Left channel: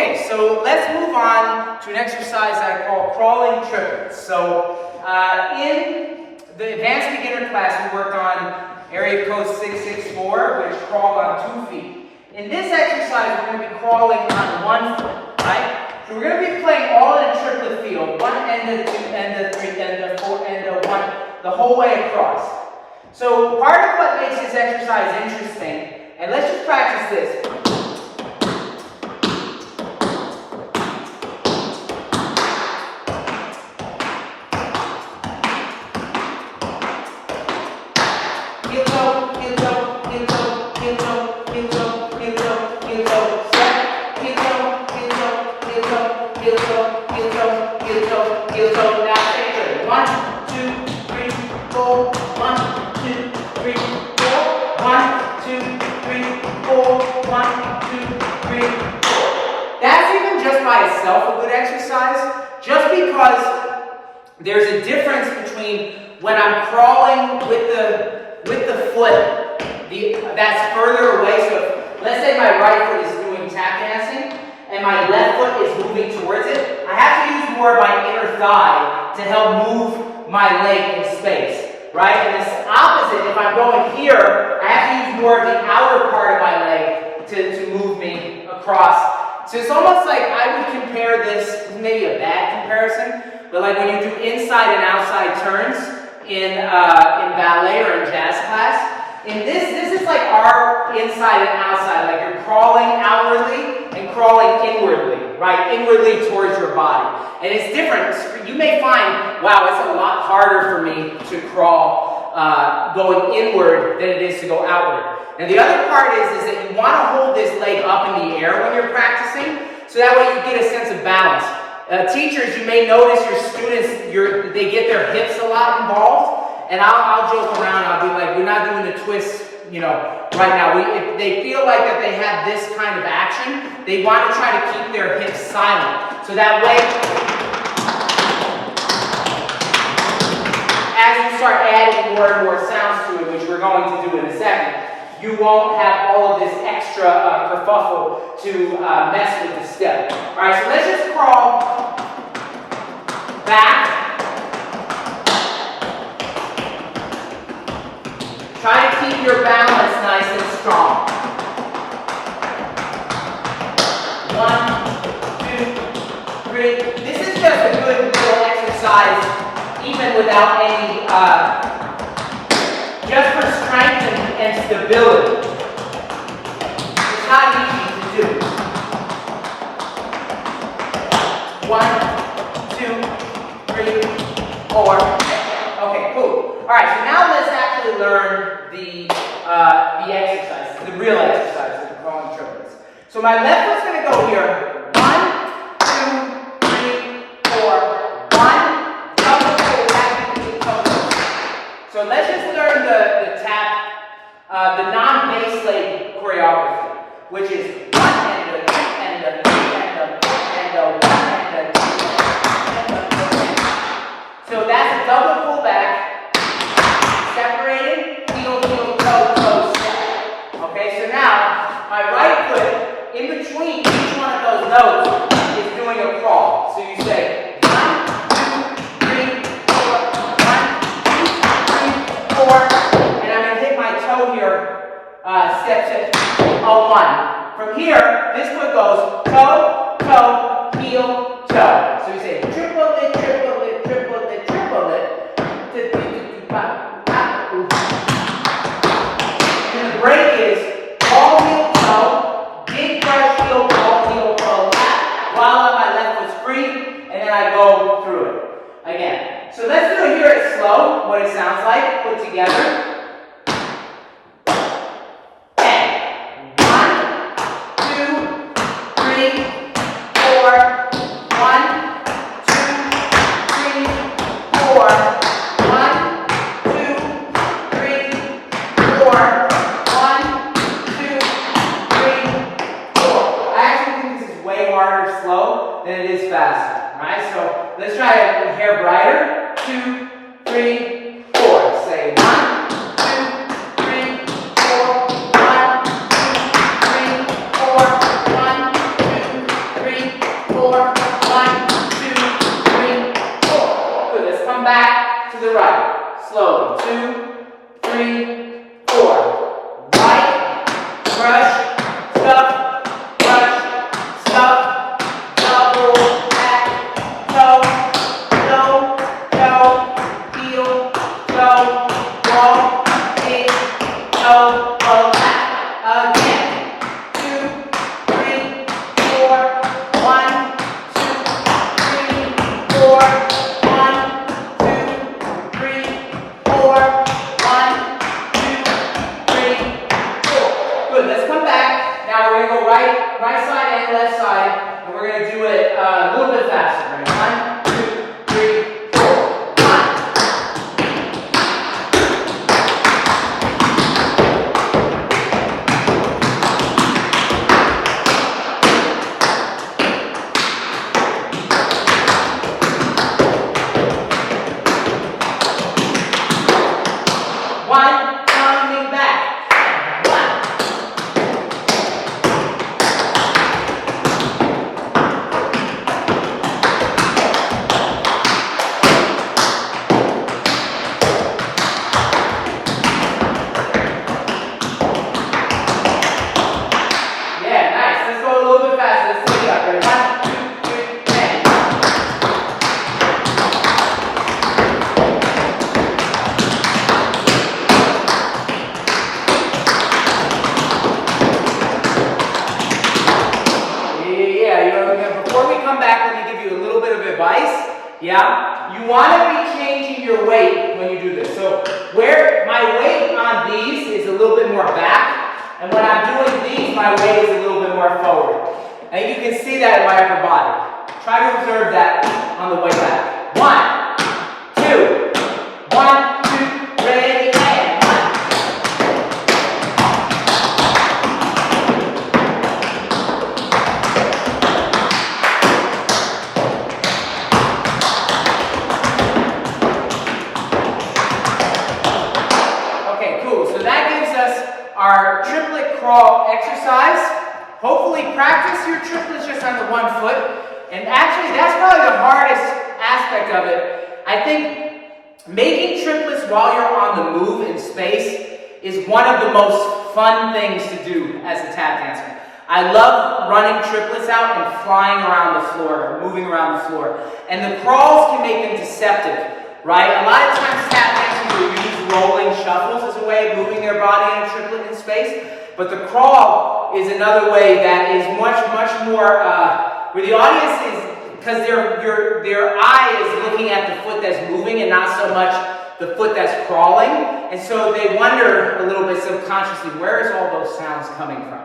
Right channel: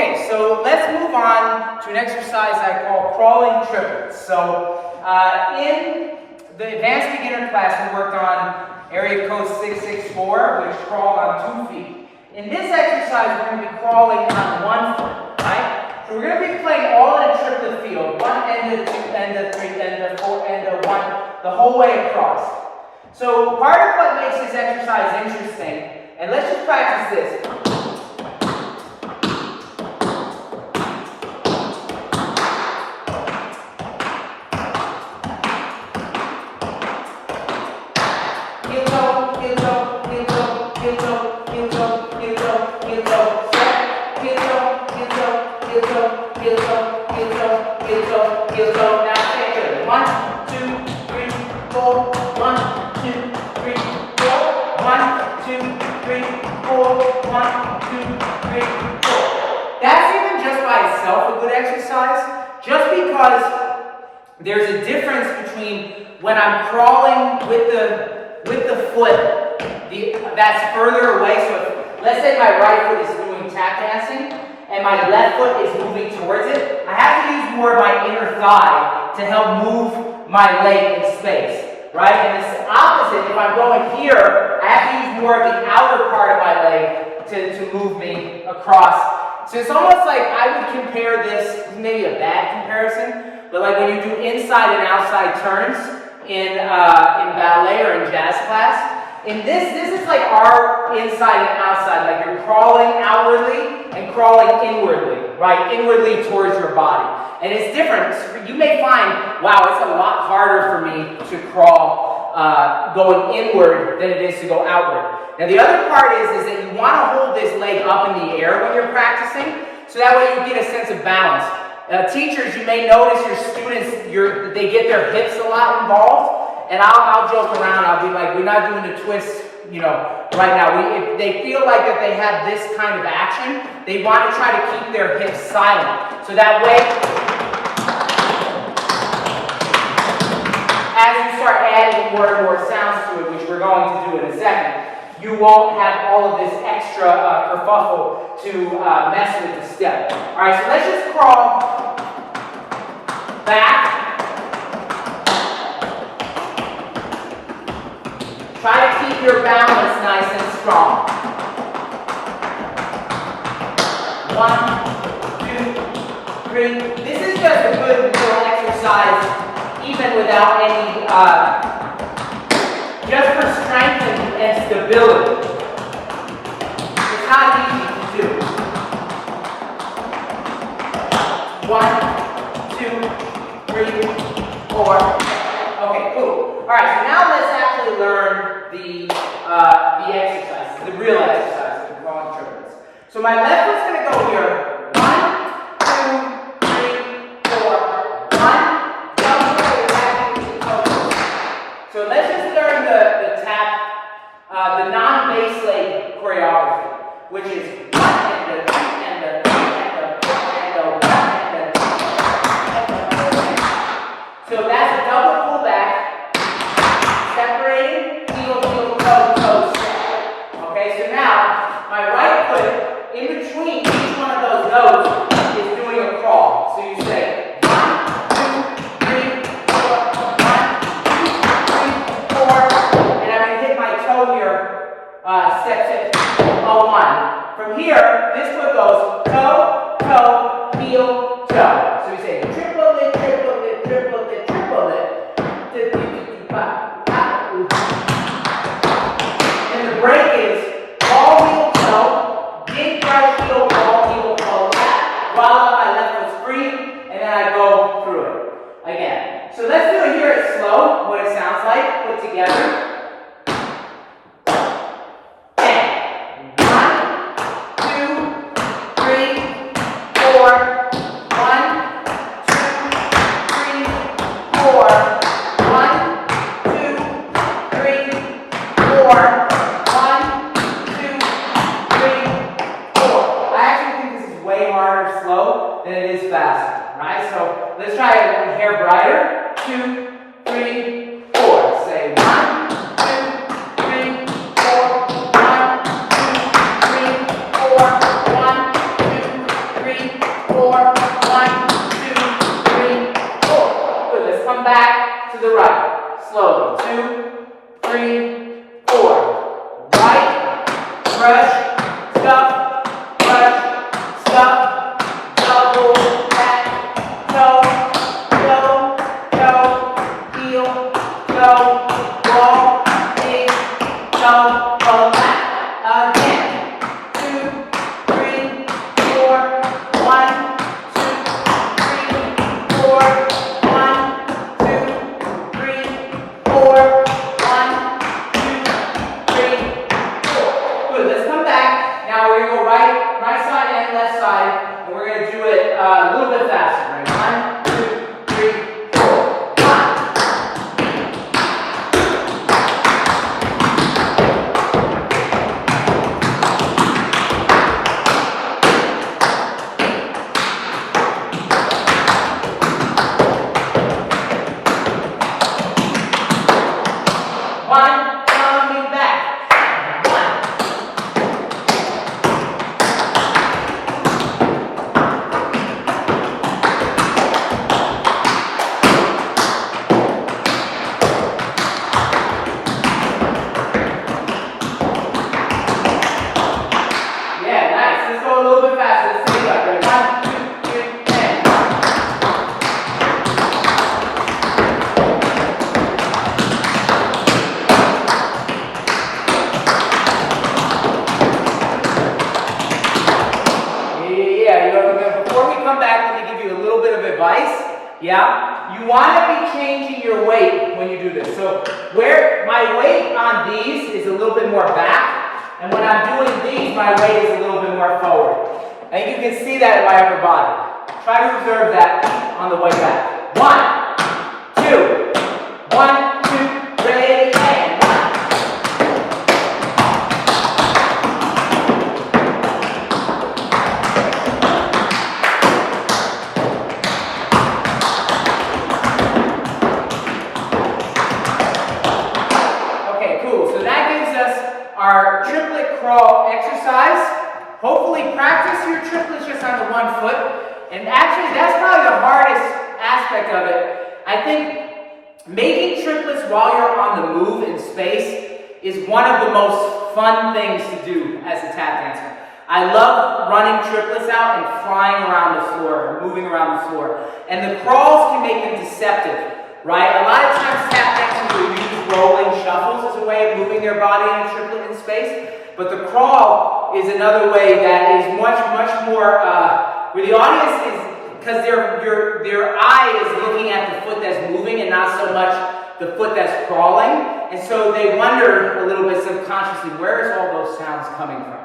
Okay, so let's move on to an exercise I call crawling triplets. So in the advanced beginner class, we worked on area code 664, which crawled on 2 feet. In this exercise, we're going to be crawling on 1 foot, right? So we're going to be playing all in a triplet field, 1 end to 2 end to 3 end to 4 end to 1, the whole way across. So part of what makes this exercise interesting, and let's just practice this. Heel toe, heel toe, heel toe, heel toe, heel toe, heel toe, heel toe, step, heel toe, heel toe, heel toe, heel toe, heel toe, heel toe, heel toe. Now stay good. 1, 2, 3, 4. 1, 2, 3, 4. 1, 2, 3, 4. 1, 2, 3, 4. That's even just by itself a good exercise, just because there's a difference between when I'm crawling with the foot that's further away. So if, let's say my right foot is doing tap dancing and my left foot is moving towards it, I have to use more of my inner thigh to help move my leg in space, right? And it's opposite. If I'm going here, I have to use more of the outer part of my leg to move me across. So it's almost like I would compare this, maybe a bad comparison, but like when you do inside and outside turns in ballet or in jazz class. In this is like our inside and outside, like you're crawling outwardly and crawling inwardly, right? Inwardly towards your body. And it's different. You may find, wow, it's a lot harder for me to crawl going inward than it is to go outward. Now the other part is that you want to hold this leg up in the air when you're practicing, so that way you get a sense of balance. Teachers, you may notice your students, they get their hips a lot involved. And I'll joke around, I'll be like, we're not doing the twist, right now. If they feel like that they have this kind of action, they want to try to keep their hips silent. So that way, as you start adding more and more sounds to it, which we're going to do in a second, you won't have all of this extra kerfuffle to mess with the step. All right, so let's just crawl back. Try to keep your balance nice and strong. 1, 2, 3. This is just a good little exercise, even without any, just for strength and stability. It's not easy to do. 1, 2, 3, 4. Okay, cool. All right, so now let's actually learn the exercise, the real exercise, the crawling triplets. So my left foot's going to go here. 1, 2, 3, 4. 1, double toe, back into toe. So let's just learn the tap, the non-bass leg choreography, which is 1 and a 2 and a 3 and a 4 and a 1 and a 2 and a 4. So that's a double pull back, separating, heel, toe, toe, step. Okay, so now my right foot, in between each one of those notes, is doing a crawl. So you say 1, 2, 3, 4, 1, 2, 3, 4, and I'm going to hit my toe here, step, 1. From here, this foot goes toe, toe, heel, toe. So we say triplet, triplet, triplet, triplet. And the break is ball, heel, toe, big fresh heel, ball, heel, toe, while my left foot's free, and then I go through it again. So let's do it here at slow, what it sounds like, put together. 10. 1, 2, 3, 4. 1, 2, 3, 4. 1, slow than it is faster. Alright, so let's try it a hair brighter. 2, 3, 4. Say 1, 2, 3, 4. 1, 2, 3, 4. 1, 2, 3, to the right. Slowly. 2, 3, 4. Right, brush, stuff, brush, stuff, double, back, toe, toe, toe, heel, toe, wall, big, toe, go back. Again. 2, 3, 4. 1, 2, 3, 4. 1, 2, 3, 4. 1, 2, 3, 4. Good. Let's come back. Now we're going to go right side and left side, and we're going to do it a little bit faster. Right? 1, 2, 3, 4. 1. One, coming back. 1. Yeah, nice. Let's go a little bit faster. Let's take it up. Ready? 1, 2, 3, and. Yeah. Before we come back, let me give you a little bit of advice. Yeah, you want to be changing your weight when you do this. So where my weight on these is a little bit more back, and when I'm doing these, my weight is a little bit more forward. And you can see that in my upper body. Try to observe that on the way back. 1, 2, 1, 2, ready, and 1. Okay, cool. So that gives us our triplet crawl exercise. Hopefully practice your triplets just on the 1 foot. And actually, that's probably the hardest aspect of it. I think making triplets while you're on the move in space is one of the most fun things to do as a tap dancer. I love running triplets out and flying around the floor, or moving around the floor. And the crawls can make them deceptive, right? A lot of times tap dancers will use rolling shuffles as a way of moving their body in a triplet in space. But the crawl is another way that is much more, where the audience is, because their eye is looking at the foot that's moving and not so much the foot that's crawling. And so they wonder a little bit subconsciously, where is all those sounds coming from?